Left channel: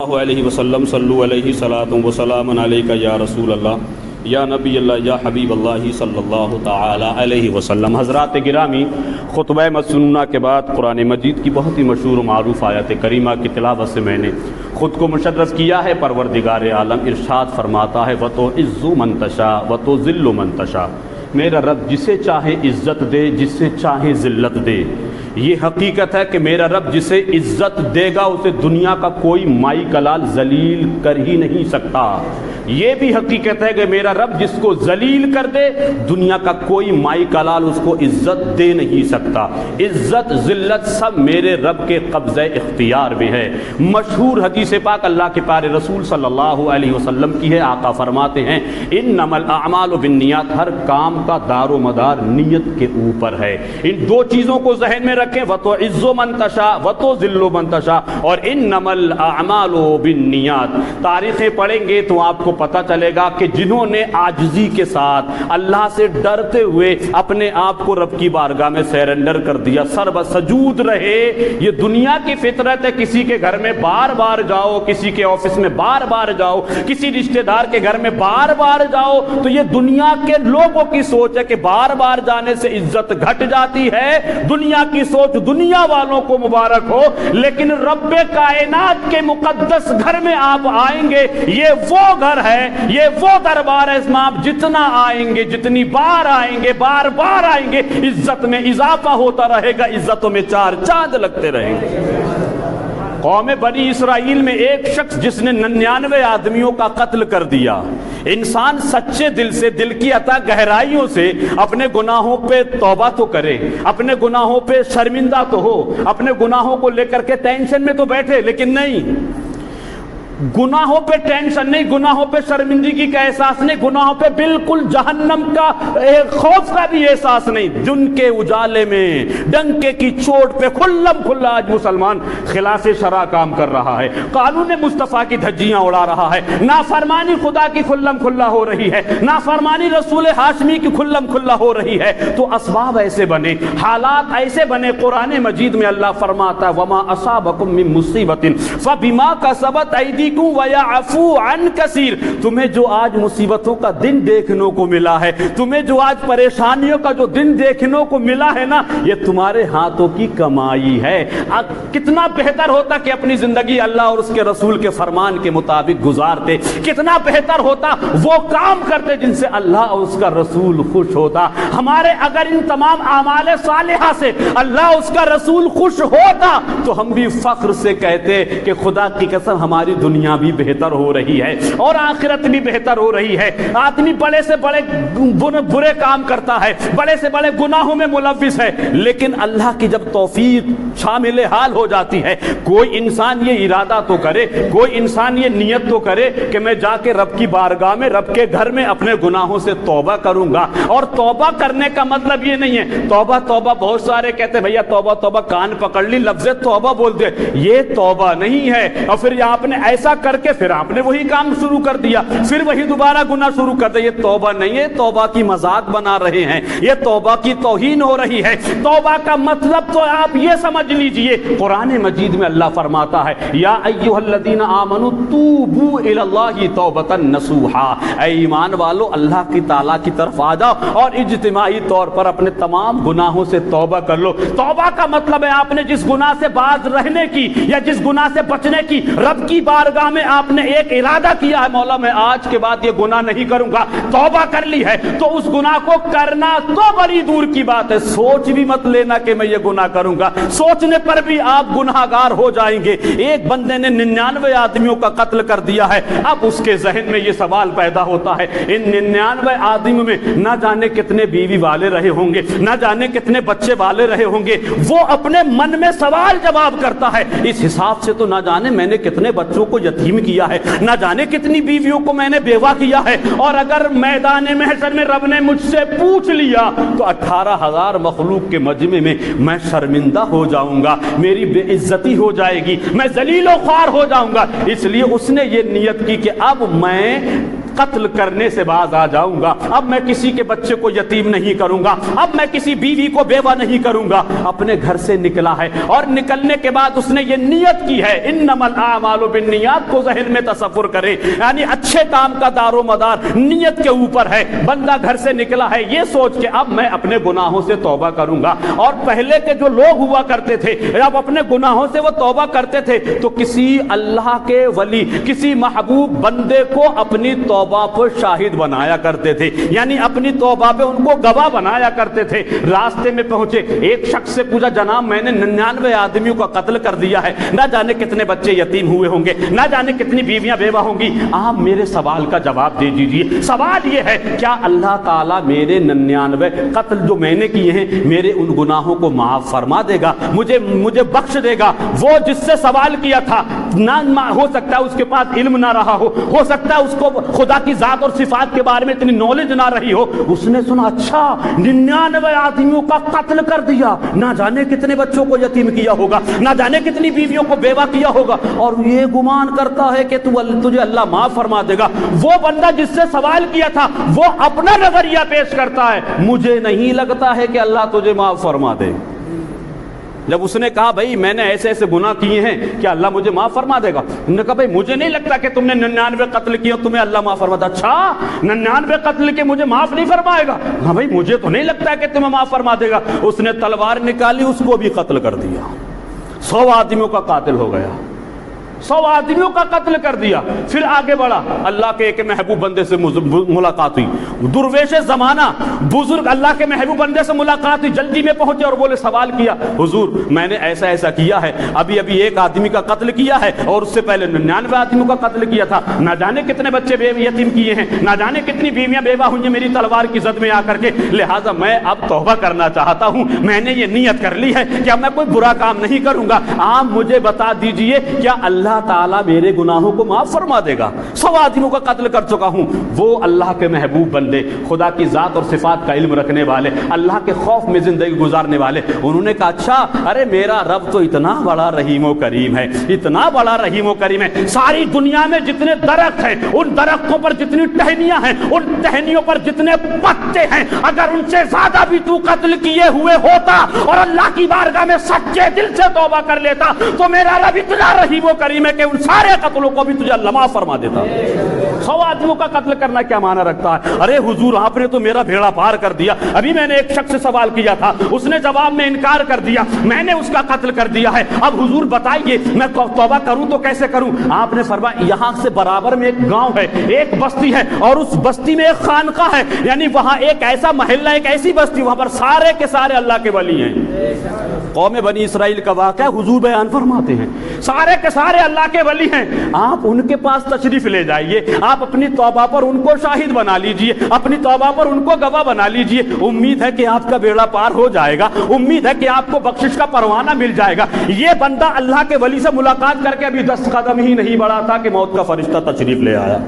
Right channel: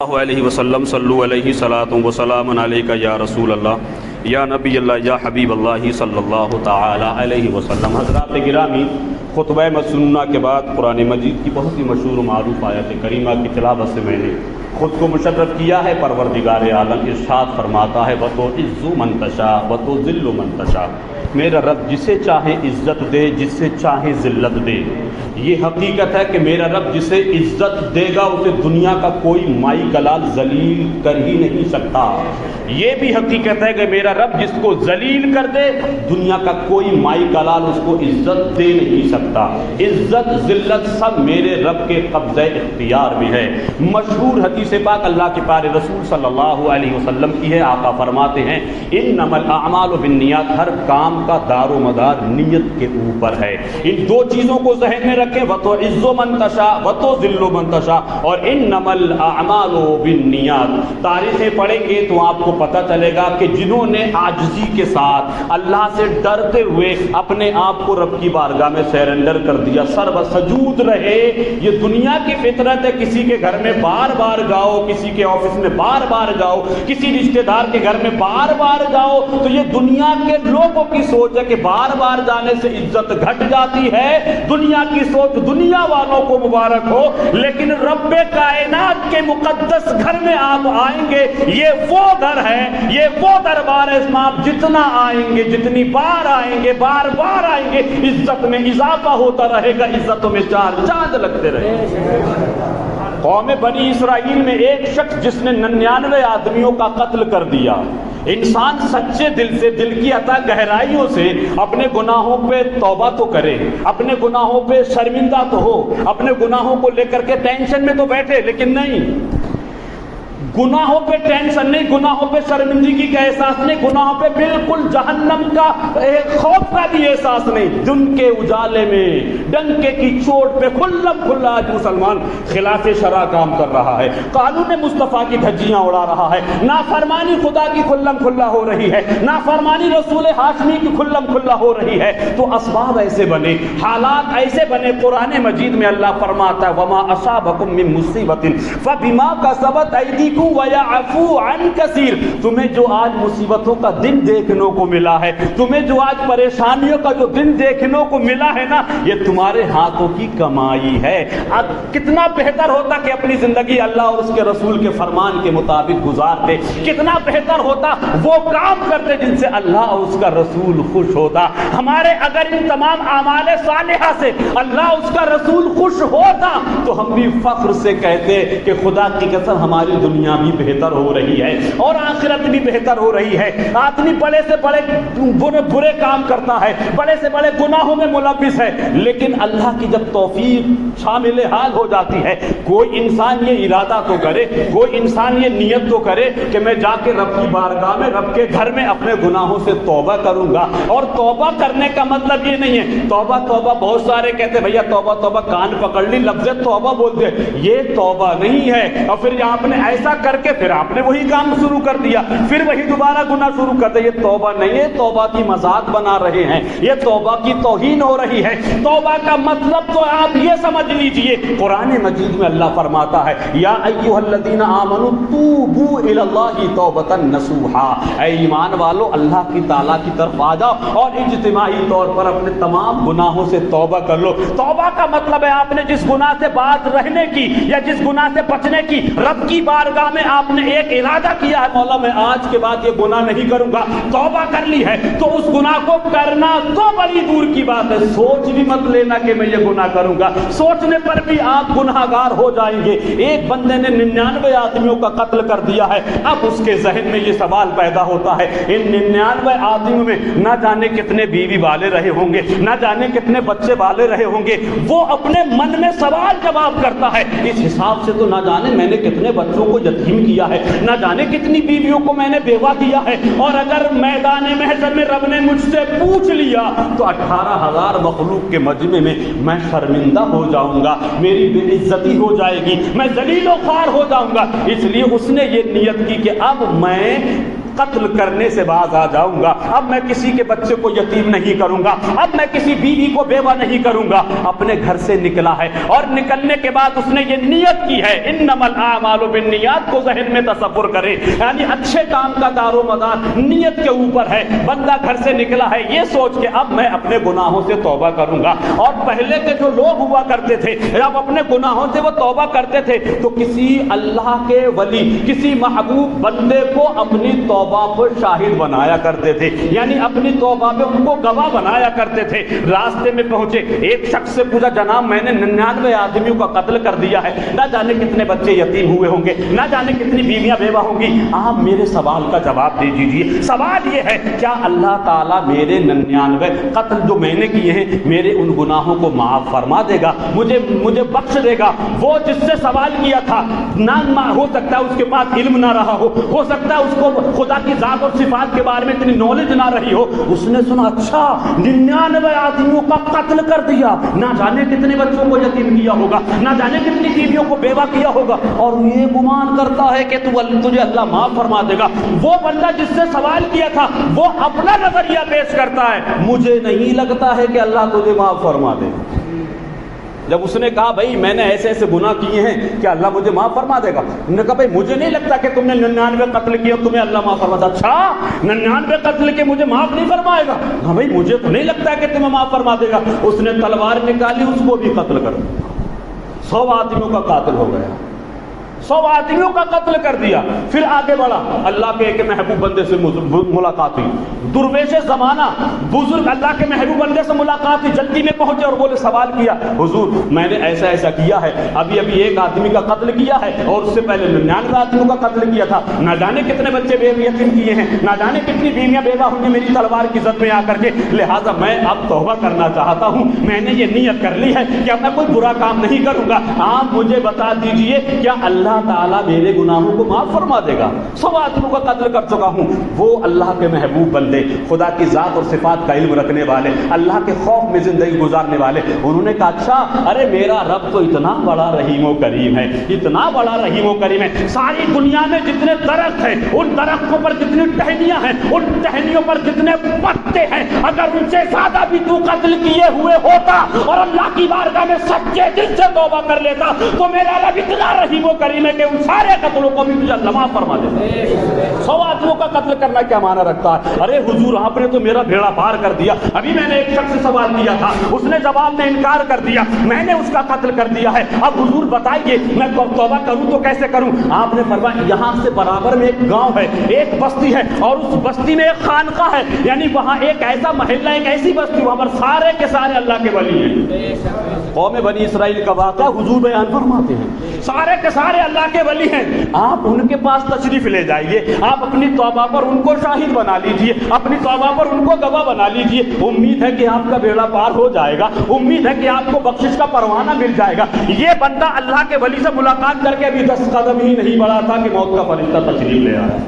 اللہ علیہ وسلم صلو علیہ صلاۃ و سلام علیک یا رسول اللہ یا نبی اللہ یا حبیب اللہ صلی اللہ تعالی علیہ وسلم۔ حضرات گرامی، خطبہ مسنونہ کے بعد قرآن مجید کی بہت ہی مشہور و معروف آیت کریمہ کی تلاوت سے میں نے خود کو مشرف کیا ہے۔ پروردگار عالم ارشاد فرماتا ہے وَتُعِزُّ مَن تَشَاءُ وَتُذِلُّ مَن تَشَاءُ، میرا رب جسے چاہے عزت دے، جسے چاہے ذلت دے۔ یہ حقیقت ہے کہ میرا رب جسے عزت دے گا اسے دنیا کا کوئی مائی کلال ذلیل کر ہی نہیں سکتا۔ یہ بھی حقیقت ہے کہ میرا رب جس کو ذلیل کر دے دنیا کا کوئی مائی کلال اس کو عزت دے نہیں سکتا۔ عزت ذلت سب میرے رب کے قبضہ اختیار میں ہے۔ مشہور حدیث پاک اللہ کے پیارے رسول صلی اللہ علیہ وسلم کی ہے۔ آقا فرماتے ہیں انما الاعمال بالنیات، ہر کام کا دار و مدار نیت کے اوپر ہے۔ ان دو چیزوں کو ذہن میں رکھیں، وَتُعِزُّ مَن تَشَاءُ وَتُذِلُّ مَن تَشَاءُ، اور انما الاعمال بالنیات۔ تاریخیں پڑھیں گے تو آپ کو پتہ چلے گا کہ جنہوں نے عاجزی کے ساتھ اللہ سے ڈرتے ہوئے اپنے آپ کو رب کی بارگاہ میں سرنڈر کر دیا، سر بسجود رہے۔ یہ دنیا کی فطرت ہے، کسی کے گھر میں بار بار جاؤ، کسی کے آفس میں بار بار جاؤ، کسی رشتہ دار کے گھر میں بار بار جاؤ، تو یہ دنیا کے لوگوں کی سوچ ہے کہ بار بار جانے سے عزت گھٹ جاتی ہے۔ دنیا کی سوچ دنیا والوں کو مبارک ہو، لیکن رب کائنات کے مقدس گھر میں آپ آئیں گے، یہ وہ گھر ہے، یہ وہ دربار ہے، اس میں آپ جتنا آئیں گے، جتنی بار آئیں گے، بار بار آئیں گے، عزت میں اضافہ ہوتا رہے گا، عزتوں میں چار چاند لگتے رہیں گے۔ قوم بنی اسرائیل میں ایک شخص جس نے 99 آدمیوں کا قتل کر دیا۔ انسان سچے دل سے، دل کی عطا گہرائیوں سے اپنے گناہوں پہ توبہ تو کرے، اپنے گناہوں پہ شرمندہ تو ہو، اپنے گناہوں کو لے کر کے ٹینشن میں تو بیٹھے، لیکن نہیں، گناہوں پہ ٹینشن نہیں، گناہوں پہ شرمندگی کا احساس نہیں، گناہوں پہ بالکل جہنم کا خوف کا بھی احساس نہیں۔ دن کے اجالے میں ڈنکے کی چوٹ پہ کھلم کھلا آج مسلمان خلاف شرع کام کر رہا ہے، قانون مصطفیٰ کی دھجیاں اڑا رہا ہے، نافرمانی خدا کی کھلم کھلا ہو رہی ہے، نافرمانی رسول ہاشمی کی کھلم کھلا ہو رہی ہے۔ تو اسباب ایسے بنے، حالات ایسے بنے۔ قرآن مجید میں اللہ فرماتا ہے وما اصابکم من مصیبت فبما کسبت ایدیکم وَيَعْفُو عَنْ كَثِيرٍ، تمہیں جو آج مصیبتوں کا دن دیکھنے کو ملا ہے، تمہیں جو آج پریشانیوں کا جو دن دیکھنے کو ملا ہے نا، یہ تمہارے ہاتھوں کی کمائی ہے۔ کتنا بہتر ہوتا کہ اپنی زندگی اللہ اور اس کے رسول کے فرمان کے مطابق گزارتے، کتنا بہتر ہوتا وہ کام کرتے جن سے اللہ اور اس کا رسول خوش ہوتا۔ ہمارے اگر ان تمام اعمال صالحہ سے اللہ اس کا رسول خوش ہوتا تو ہم بھی فخر سے کہتے کہ خدا کی قسم ہماری دنیا بھی بہتر ہو رہی ہے اور آخرت بھی بہتر ہو رہی ہے۔ آدمی بڑے سے بڑے برے کام کرتا ہے، بڑے سے بڑے گناہوں میں ملوث ہے، لیکن اللہ کی جب توفیق شامل حال ہو جاتی ہے، کوئی انسان یہ ارادہ تو کرے، کوئی انسان یہ نیت تو کرے کہ میں جا کے رب کی بارگاہ میں، رب کے گھر میں اپنے گناہوں سے توبہ کروں گا۔ اور توبہ کرنے کا مطلب یہ نہیں ہے توبہ توبہ، بہت سارے کہتے بھیا توبہ توبہ، کان پکڑ لی، لفظ توبہ بول دے، یہ توبہ نہیں ہے۔ اور پھر آپ نے ایسا کر کے پھر آپ نے وہی کام شروع کر دیا، پھر وہی دوبارہ گناہ شروع کر دیا، یہ توبہ نہیں ہے، توبہ کی مذاق بنا رہے ہیں، یہ توبہ کی توہین ہو رہی ہے۔ توبہ کا مطلب تو آپ یہ سمجھ لیجئے، قرآن مجید میں اللہ فرماتا ہے یا ایھا الذین آمنوا توبوا الی اللہ توبۃ نصوحا، اے ایمان والو اللہ کی تعالیٰ کی طرف آ جاؤ اور اجتماعی طور پر اپنے تمام گناہوں سے توبہ کر لو۔ توبہ کا مطلب ہے آپ نے جس گناہ سے باز رہنے کی یا جس گناہ سے بچنے کی رب کی بارگاہ میں آپ نے ایک ارادہ کیا ہے، مولا میں آج کے بعد یہ گناہ نہیں کروں گا، توبہ کر لی ہے، تو اس گناہ کو کرنا تو بڑی دور کی بات ہے، سوچ بھی مت لینا کہ میں یہ گناہ کروں گا، سوچنے پر بھی آپ گناہگار ہو جائیں گے۔ ایک بندے نے 99 آدمیوں کا قتل کر دیا ہے، اب اس کے ذہن میں یہ سوال پیدا ہوتا ہے ان 99 آدمیوں میں نہ جانے کتنے بیوی والے رہے ہوں گے، نہ جانے کتنے بچے والے رہے ہوں گے۔ وہ اپنے من میں سوال جواب کرتا ہے اس حساب سے تو نہ جانے میں نے کتنے بچوں کو یتیم کیا ہے، نہ جانے کتنی بیویوں کو میں نے بیوہ کیا ہے، اور اگر میدان محشر میں رب نے مجھ سے پوچھ لیا تو 18,000 مخلوق کے مجمع میں شرمندہ ہو جاؤں گا، میری بے عزتی ہو جائے گی، میں ذلیل و خوار ہو جاؤں گا۔ اس لیے اس نے یہ نیت کی کہ اب میں قتل کرنے سے باز آ جاؤں گا، اب میں کسی کے بچے کو یتیم نہیں کروں گا، اب میں کسی بیوی کو بیوہ نہیں کروں گا۔ اپنے گھر سے نکلا ہے اور نکلنے کے بعد اس نے یہ نیت کی ہے، انما الاعمال بالنیات کو ذہن میں تصور کرے، یعنی اچھے کام کا دار و مدار نیت کے اوپر ہے۔ بندہ گھر سے نکلا ہے یہ سوچ کے اب میں اپنے گناہوں سے توبہ کروں گا، اور پہلے کے جو لوگ ہوا کرتے تھے جب اپنے گناہوں سے وہ توبہ کرتے تھے تو کسی اللہ کے ولی، کسی محبوب بندے کو اپنی توبہ پر شاہد بنایا کرتے تھے، یعنی اپنی توبہ پہ ان کو گواہ بنایا کرتے تھے۔ راستے میں پہنچے ایک شخص سے پوچھا، جناب میں نے 99 آدمیوں کا قتل کر دیا ہے، نہ جانے کتنے بچے یتیم ہوئے ہوں گے، نہ جانے کتنی بیویاں بیوہ ہوں گی، آپ میرے سوال کا جواب دے دیجئے۔ سوال یہ ہے کیا اللہ تعالیٰ میرے 99 قتل جو میں نے کیے ہیں میرے ان گناہوں کو معاف فرما دے گا، مجھے بخش دے گا؟ وہ جس سے سوال کیا تھا نہ ہو سکتا ہے اس کے پاس علم نہ رہا ہو سکتا ہے اس کو خدا کی ذات اور صفات کے بارے میں اتنی نالج نہ رہی ہو، اس نے سنا اچھا 99 آدمیوں کا قتل کر دیا، نہ جانے کتنے بچوں کو یتیم کیا ہوگا، نہ جانے کتنی بیویوں کو بیوہ کیا ہوگا، اور یہ گمان کرتا ہے کہ تجھے اللہ معاف فرما دے گا۔ وہ بندہ جس سے سوال کیا تھا وہ اپنا نظریہ پیش کرتا ہے، مجھے نہیں لگتا ہے کہ اللہ تجھے معاف فرما دے۔ جب اس نے کہا بھائی میں نے ایسے ایسے گناہ کیے ہیں کیا اللہ مجھے معاف فرما دے گا؟ انہوں نے کہا بھائی مجھے نہیں لگتا کہ تم نے 99 قتل کیے تمہیں اللہ معاف فرما دے۔ اچھا 99 قتل کے مجھے معاف نہیں فرمائے گا؟ ہاں بھائی مجھے تو نہیں لگتا ہے کہ تمہیں معاف فرما دے گا۔ اس نے تلوار نکالی، اس کو بھی قتل کر دیا، 100 آدمیوں کا قاتل ہو گیا، 100 آدمیوں کا قتل کر دیا۔ پھر آگے بڑھا، اللہ کے ایک محبوب بندے سے ملاقات ہوئی، درویش زمانہ بزرگ اللہ کے محبوب بندے سے ملاقات ہوئی، جلدی میں پہنچے اور بولے سوال کیا، حضور میں نے ایسا ایسا کیا ہے، ابھی ایک آدمی کا قتل کیا ہے اور اس سے پہلے 99 آدمیوں کا قتل کیا تھا، نہ جانے کتنے بچے یتیم کیے ہیں، نہ جانے کتنی بیویاں بیوہ ہوئی میری تلوار کی زد میں آ کر کے، لہٰذا میں اب توبہ کرنا چاہتا ہوں، میں نے یہ نیت کر لی ہے کہ اب میں کوئی برا کام نہیں کروں گا، آپ مجھے بتا دیجئے کیا اللہ تعالیٰ میرے گناہوں کو معاف فرما دے گا؟ 100 آدمیوں کا قتل کر چکا ہوں۔ وہ اللہ کے محبوب بندے، خدا کی ذات اور صفات کا علم رکھنے والے، اللہ کے خوف میں زندگی گزارنے والے، انہوں نے کہا اچھا ارے میرا رب تو اتنا بڑا رحیم و کریم ہے، اتنا بڑا رحیم و کریم ہے، ساری دنیا میں جتنے درخت ہیں ان درختوں پر جتنی ٹہنیاں ہیں ان ٹہنیوں پر جتنے پتے ہیں اگر ان سے زیادہ بھی تو قتل کیے ہوئے ہوتا اور اللہ کی بارگاہ میں سچے دل سے توبہ کر لیتا تو میرا رب اتنا رحیم و کریم ہے کہ ان سارے قتلوں کو بھی تجھے اللہ معاف فرما دیتا۔ 100 آدمیوں کا قتل کرنا کیا معنی رکھتا ہے؟ ارے حضور آپ نے تو میرا بھیڑا پار کر دیا، ابھی میں نے ایک شخص سے سوال کیا تھا، اس نے جواب میں انکار کر دیا، میں نے اس کا قتل کر دیا ہے، اب حضور بتائیے میں توبہ کروں تو کیسے کروں؟ آپ نے فرمایا یہاں سے برابر میں ایک گاؤں ہے، ایک بستی ہے، اور اس بستی میں ایک خانقاہ ہے، یعنی وہاں ایک ایسا محلہ، ایک ایسی بستی وہاں پر سارے کے سارے اللہ کے ولی ہیں۔ قوم بنی اسرائیل کا واقعہ حضور بیان فرماتے ہیں، سارے کے سارے اللہ کے ولی ہیں، آپ ان کے پاس تشریف لے جائیے، آپ اپنی توبہ پر ان کو شاہد بنا لیجئے، اپنی توبہ پر ان کو گواہ بنا لیجئے، امید ہے کہ آپ کا بیڑا پار ہو جائے گا، امید ہے کہ آپ کو بخشش کا پروانہ مل جائے گا۔ یہ بندہ اللہ کے ولی سے ملاقات کر کے ابھی 10 قدم ہی نہیں بڑھا تھا کہ موت کا فرشتہ تشریف لے آیا،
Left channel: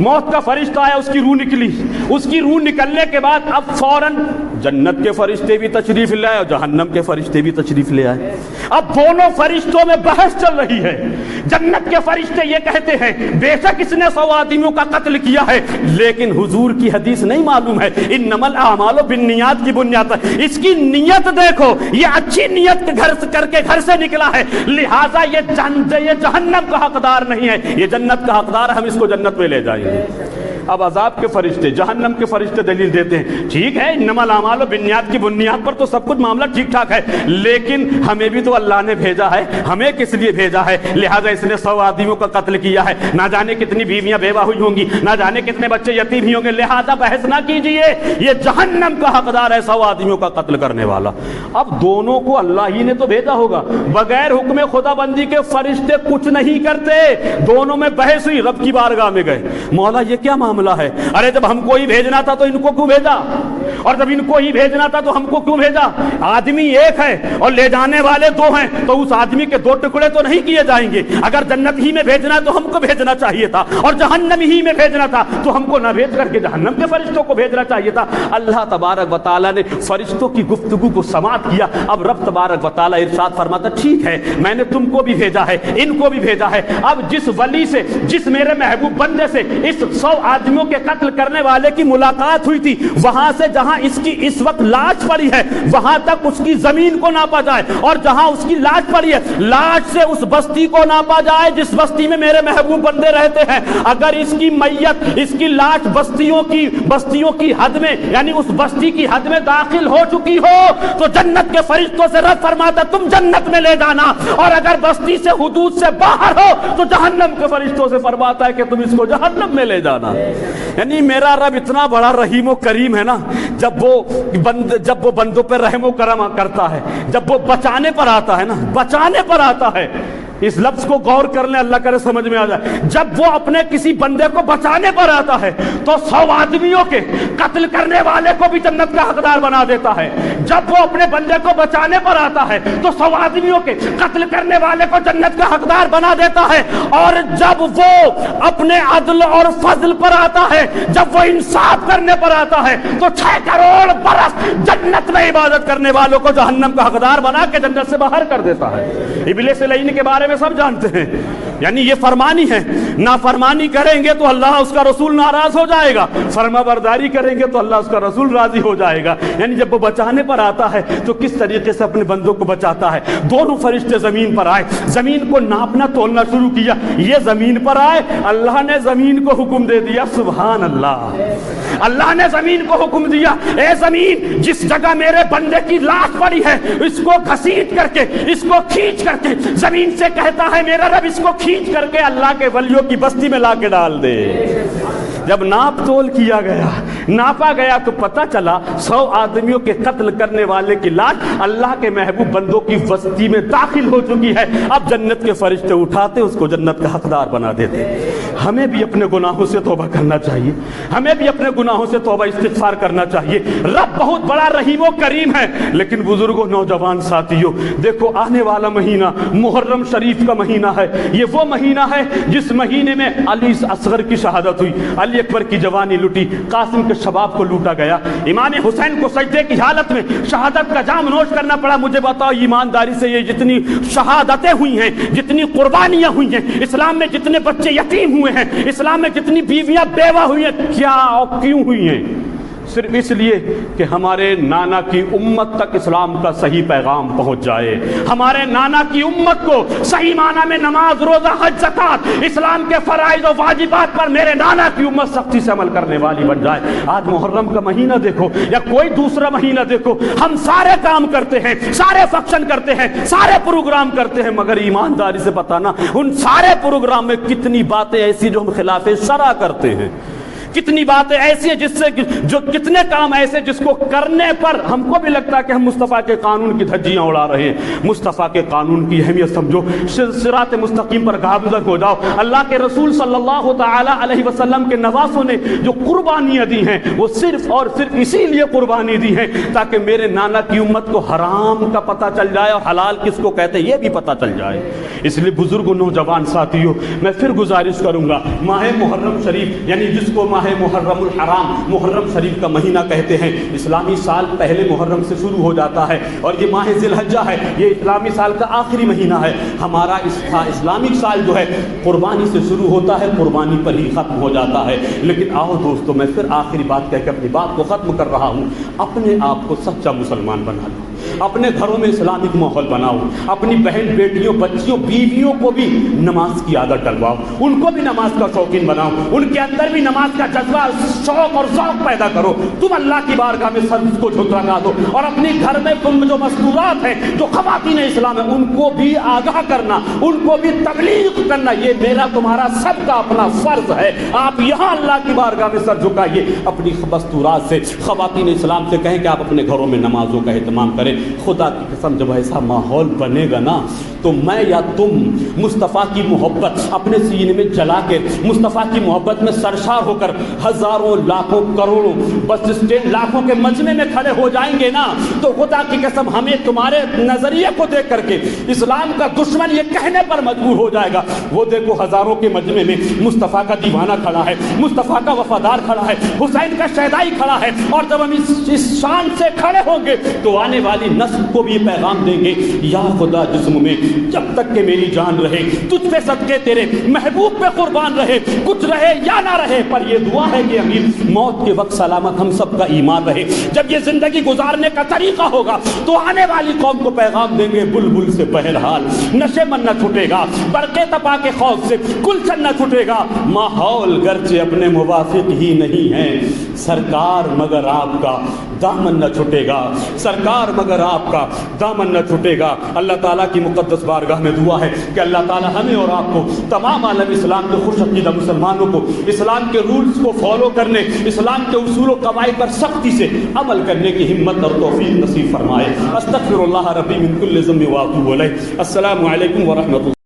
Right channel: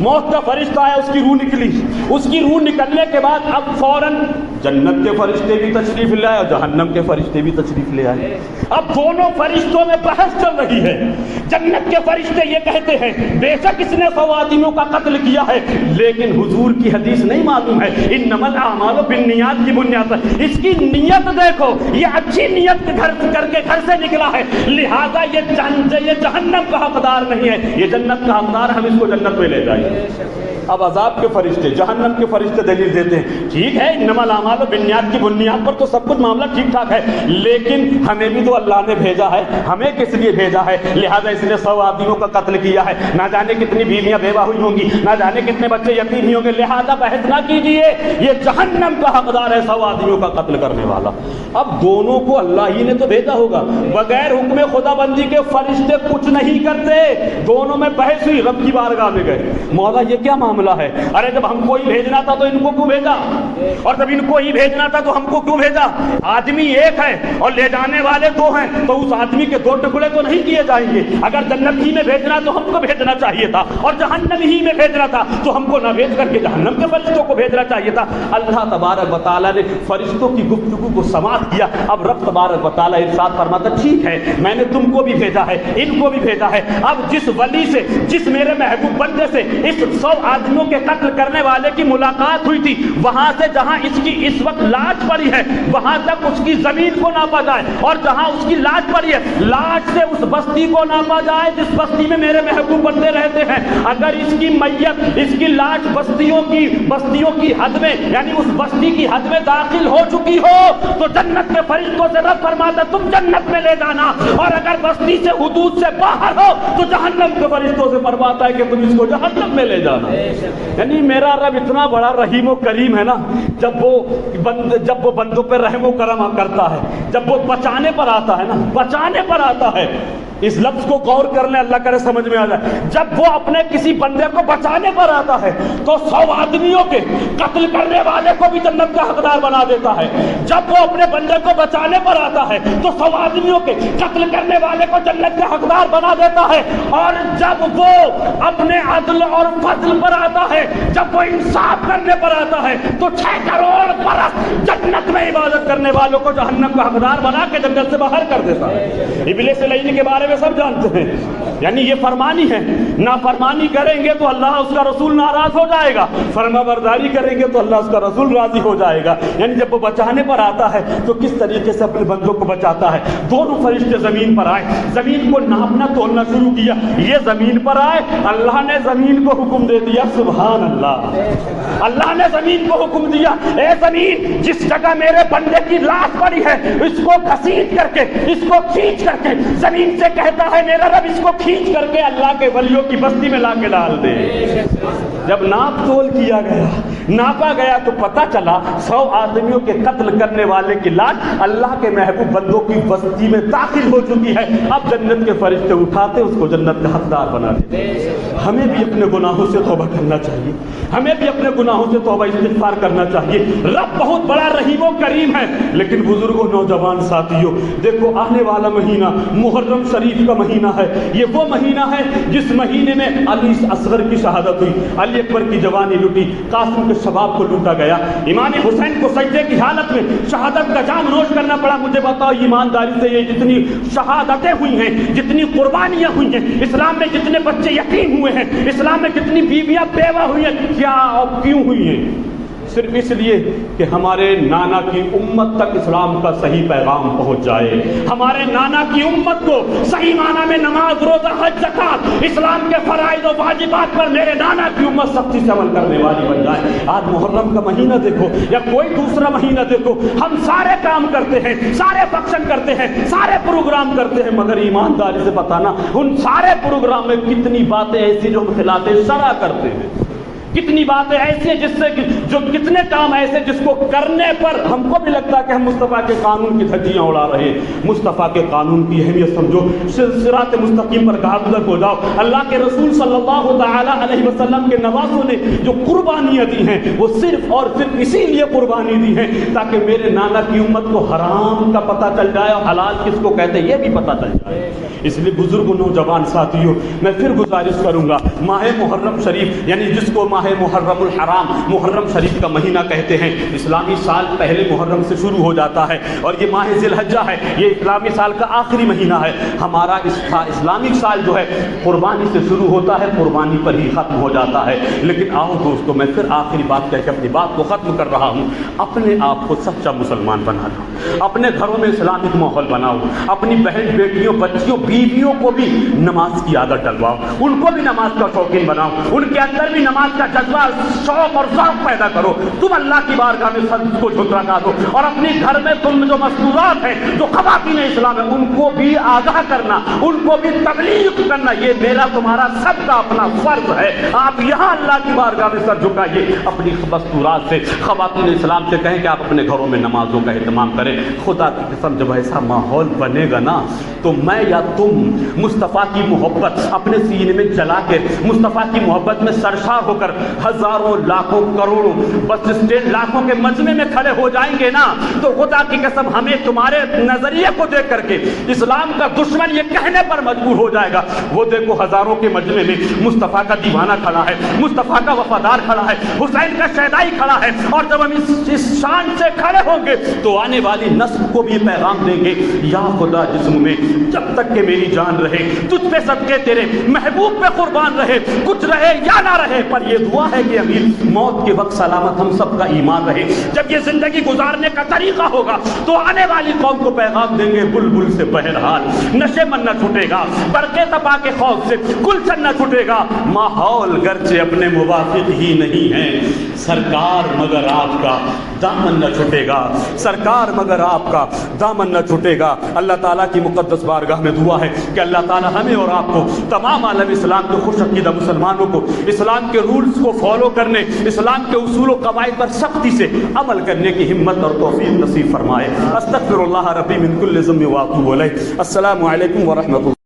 موت کا فرشتہ آیا، اس کی روح نکلی، اس کی روح نکلنے کے بعد اب فوراً جنت کے فرشتے بھی تشریف لے آئے اور جہنم کے فرشتے بھی تشریف لے آئے۔ اب دونوں فرشتوں میں بحث چل رہی ہے، جنت کے فرشتے یہ کہتے ہیں بے شک اس نے 100 آدمیوں کا قتل کیا ہے، لیکن حضور کی حدیث نہیں معلوم ہے، انما الاعمال بالنیات کی بنیاد پر اس کی نیت دیکھو، یہ اچھی نیت کر کے گھر سے نکلا ہے، لہٰذا یہ جہنم کا حقدار نہیں ہے، یہ جنت کا حقدار ہے، ہم اس کو جنت میں لے جائیں۔ اب عذاب کے فرشتے، جہنم کے فرشتے دلیل دیتے ہیں ٹھیک ہے انما الاعمال بالنیات کی بنیاد پر تو سب کچھ معاملہ ٹھیک ٹھاک ہے، لیکن ہمیں بھی تو اللہ نے بھیجا ہے، ہمیں کس لیے بھیجا ہے؟ لہذا اس نے 100 آدمیوں کا قتل کیا ہے، نہ جانے کتنی بیویاں بیوہ ہوئی ہوں گی، نہ جانے کتنے بچے یتیم ہی ہوں گے، لہذا بحث نہ کیجئے، یہ جہنم کا حقدار ہے 100 آدمیوں کا قتل کرنے والا۔ اب دونوں کو اللہ ہی نے تو بھیجا ہوگا، بغیر حکم خدا بندی کے فرشتے کچھ نہیں کرتے، دونوں میں بحث ہوئی، رب کی بارگاہ میں گئے، مولا یہ کیا معاملہ معاملہ ہے. ارے جب ہم کو ہی بھیجنا تھا تو ان کو کیوں بھیجا, اور جب ان کو ہی بھیجنا تھا تو ہم کو کیوں بھیجا؟ آدمی ایک ہے اور لے جانے والے دو ہیں, تو اس آدمی کے دو ٹکڑے تو نہیں کیے جائیں گے. اگر جنت ہی میں بھیجنا تو ہم کو بھیجنا چاہیے تھا, اور جہنم ہی میں بھیجنا تھا تو ہم کو نہ بھیج کر کے جہنم کے فرشتوں کو بھیجنا چاہیے تھا. اللہ تبارک و تعالیٰ نے فرشتوں کی گفتگو کو سماعت کیا. اب رب تبارک و تعالیٰ ارشاد فرماتا ٹھیک ہے میں نے تم کو بھی بھیجا ہے, ان کو بھی بھیجا ہے. اب جس ولی سے, جس میرے محبوب بندے سے اس 100 آدمیوں کے قتل کرنے والے کی ملاقات ہوئی تھی, وہاں سے جہاں اس کی اس وقت لاش پڑی ہے وہاں تک اس کی زمین کو ناپا جائے, اور جہاں اس کی لاش پڑی ہے لاش سے اس بستی کو ناپا جائے جس بستی میں میرے محبوب بندے رہتے ہیں. اگر اس کی میت, اس کی لاش بستیوں کی حد میں, یعنی اس بستی کی حد میں داخل ہو چکی ہو تو جنت کے فرشتوں سے رب فرماتا تم جنت میں لے جانا, اور اگر بستی سے حدود سے باہر ہو تو جہنم کے فرشتوں سے فرماتا ہے کہ تم اس کو جہنم میں لے جانا. یعنی میرا رب اتنا بڑا رحیم و کریم ہے نا, جب وہ بندوں پہ رحم و کرم کرتا ہے, جب وہ بچانے پر آتا ہے نا, بچانے پر آتا ہے. اس لفظ کو غور کر لیں, اللہ کرے سمجھ میں آ جائے. جب وہ اپنے کسی بندے کو بچانے پر آتا ہے تو 100 آدمیوں کے قتل کرنے والے کو بھی جنت کا حقدار بنا دیتا ہے. جب وہ اپنے بندے کو بچانے پر آتا ہے تو 100 آدمیوں کے قتل کرنے والے کو جنت کا حقدار بنا دیتا ہے. اور جب وہ اپنے عدل اور فضل پر آتا ہے, جب وہ انصاف کرنے پر آتا ہے تو 6 کروڑ برس جنت میں عبادت کرنے والوں کو جہنم کا حقدار بنا کے جنت سے باہر کر دیتا ہے. ابلیس لعین کے بارے میں سب جانتے ہیں, یعنی یہ فرمانی ہے, نافرمانی کریں گے تو اللہ اس کا رسول ناراض ہو جائے گا, فرما برداری کریں گے تو اللہ اس کا رسول راضی ہو جائے گا. یعنی جب وہ بچانے پر آتا ہے تو کس طریقے سے اپنے بندوں کو بچاتا ہے. دونوں فرشتے زمین پر آئے, زمین کو ناپنا تولنا شروع کیا. یہ زمین پر آئے, اللہ نے زمین کو حکم دے دیا, سبحان اللہ, اللہ نے زمین کو حکم دیا اے زمین جس جگہ میرے بندے کی لاش پڑی ہے اس کو گھسیٹ کر کے, اس کو کھینچ کر کے, زمین سے کہتا ہے میرا رب اس کو کھینچ کر کے اللہ کے ولیوں کی بستی میں لا کے ڈال دے. جب ناپ تول کیا گیا, ناپا گیا تو پتہ چلا 100 آدمیوں کے قتل کرنے والے کی لاش اللہ کے محبوب بندوں کی بستی میں داخل ہو چکی ہے. اب جنت کے فرشتے اٹھاتے اس کو جنت کا حقدار بنا دیتے. ہمیں بھی اپنے گناہوں سے توبہ کرنا چاہیے, ہمیں بھی اپنے گناہوں سے توبہ استغفار کرنا چاہیے. رب بہت بڑا رحیم و کریم ہے. لیکن بزرگوں, نوجوان ساتھیوں, دیکھو آنے والا مہینہ محرم شریف کا مہینہ ہے. یہ وہ مہینہ ہے جس مہینے میں علی اصغر کی شہادت ہوئی, علی اکبر کی جوانی لٹی, قاسم کے شباب کو لوٹا گیا, امام حسین کو سجدے کی حالت میں شہادت کا جام نوش کرنا پڑا. مجھے بتاؤ ایمانداری سے, یہ جتنی شہادتیں ہوئی ہیں, جتنی قربانیاں ہوئی ہیں, اسلام میں جتنے بچے یتیم ہوئے ہیں, اسلام میں جتنی بیویاں بیوہ ہوئی ہیں, کیا اور کیوں ہوئی ہیں؟ صرف اس لیے کہ ہمارے نانا کی امت تک اسلام کا صحیح پیغام پہنچ جائے, ہمارے نانا کی امت کو صحیح معنی میں نماز, روزہ, حج, زکات, اسلام کے فرائض و واجبات پر میرے نانا کی امت سختی سے عمل کرنے والی بن جائے. آج محرم کا مہینہ دیکھو یا کوئی دوسرا مہینہ دیکھو, ہم سارے کام کرتے ہیں, سارے فنکشن کرتے ہیں, سارے پروگرام کرتے ہیں, مگر ایمانداری سے بتانا ان سارے پروگرام میں کتنی باتیں ایسی جو خلاف شرع کرتے ہیں, کتنی باتیں ایسی ہیں جس سے جو کتنے کام ایسے جس کو کرنے پر ہم کو بھی لگتا ہے کہ ہم مصطفیٰ کے قانون کی دھجیاں اڑا رہے ہیں. مصطفیٰ کے قانون کی اہمیت سمجھو, صراط مستقیم پر گامزن ہو جاؤ. اللہ کے رسول صلی اللہ تعالی علیہ وسلم کے نواسوں نے جو قربانیاں دی ہیں وہ صرف اور صرف اسی لیے قربانی دی ہیں تاکہ میرے نانا کی امت کو حرام کا پتہ چل جائے اور حلال کس کو کہتے ہیں یہ بھی پتہ چل جائے. اس لیے بزرگ نوجوان ساتھیوں, میں پھر گزارش کروں گا, ماہ محرم شریف یعنی جس کو محرم الحرام, محرم شریف کا مہینہ کہتے ہیں. اسلامی سال پہلے محرم سے شروع ہو جاتا ہے اور یہ ماہ ذی الحجہ ہے, یہ اسلامی سال کا آخری مہینہ ہے. ہمارا اسلامک سال جو ہے قربانی سے شروع ہوتا ہے, قربانی پر ہی ختم ہو جاتا ہے. لیکن آؤ دوستو, میں پھر آخری بات کہہ کے اپنی بات کو ختم کر رہا ہوں. اپنے آپ کو سچا مسلمان بنا لو, اپنے گھروں میں اسلامک ماحول بناؤ, اپنی بہن بیٹیوں, بچیوں, بیویوں کو بھی نماز کی عادت ڈلواؤ, ان کو بھی نماز کا شوقین بناؤ, ان کے اندر بھی نماز کا جذبہ, شوق اور ذوق پیدا کرو. تم اللہ کی بارگاہ میں سر کو جھکا دو اور اپنے گھر میں تم جو مستورات ہیں, جو خواتین اسلام ہیں, ان کو بھی آگاہ کرنا, ان کو بھی تبلیغ کرنا, یہ میرا تمہارا سب کا اپنا فرض ہے. آپ یہاں اللہ کی بارگاہ میں سر جھکائیے, اپنی مستورات سے, خواتین اسلام سے کہیں کہ آپ اپنے گھروں میں نمازوں کا اہتمام کریں. خدا کی قسم جب ایسا ماحول بنے گا نا تو میں یا تم مصطفیٰ کی محبت اپنے سینے میں جلا کے, مصطفیٰ کی محبت میں سرشار ہو کر ہزاروں لاکھوں کروڑوں بس اسٹینڈ لاکھوں کے مجمع میں کھڑے ہو جائیں گے نا تو خدا کی قسم ہمیں تمہارے نظریے کو دیکھ کر کے اسلام کا دشمن یہ کہنے پر مجبور ہو جائے گا وہ دیکھو ہزاروں کے مجمع میں مصطفیٰ کا دیوانہ کھڑا ہے، مصطفیٰ کا وفادار کھڑا ہے، حسین کا شہدائی کھڑا ہے، اور جب ہم اس شان سے کھڑے ہوں گے تو آنے والی نسل کو بھی پیغام دیں گے، یا خدا جسم میں جب تک کہ میری جان رہے تجھ پہ صدقے تیرے محبوب پہ قربان رہے، کچھ رہے یا نہ رہے، پر یہ دعا ہے کہ امیر موت کے وقت سلامت ہم سب کا ایمان رہے۔ جب یہ زندگی گزارنے کا طریقہ ہوگا تو آنے والی قوم کو پیغام دیں گے، بلبل سے بہرحال نشے من نہ چھوٹے گا، برقے تپا کے خوف سے گلشن نہ چھوٹے گا، ماحول گرچہ اپنے موافق ہی نہیں ہے، سرکار مگر آپ کا دامن نہ چھوٹے گا، سرکار مگر آپ کا دامن نہ چھوٹے گا۔ اللہ تعالیٰ کی مقدس بارگاہ میں دعا ہے کہ اللہ تعالیٰ ہمیں اور آپ کو، تمام عالم اسلام کے خوش عقیدہ مسلمانوں کو اسلام کے رولز کو فالو کرنے، اسلام کے اصول و قواعد پر سختی سے عمل کرنے کی ہمت اور توفیق نصیب فرمائے۔ استغفر اللہ ربی من کل ذنب واتوب الیہ۔ السلام علیکم ورحمۃ اللہ۔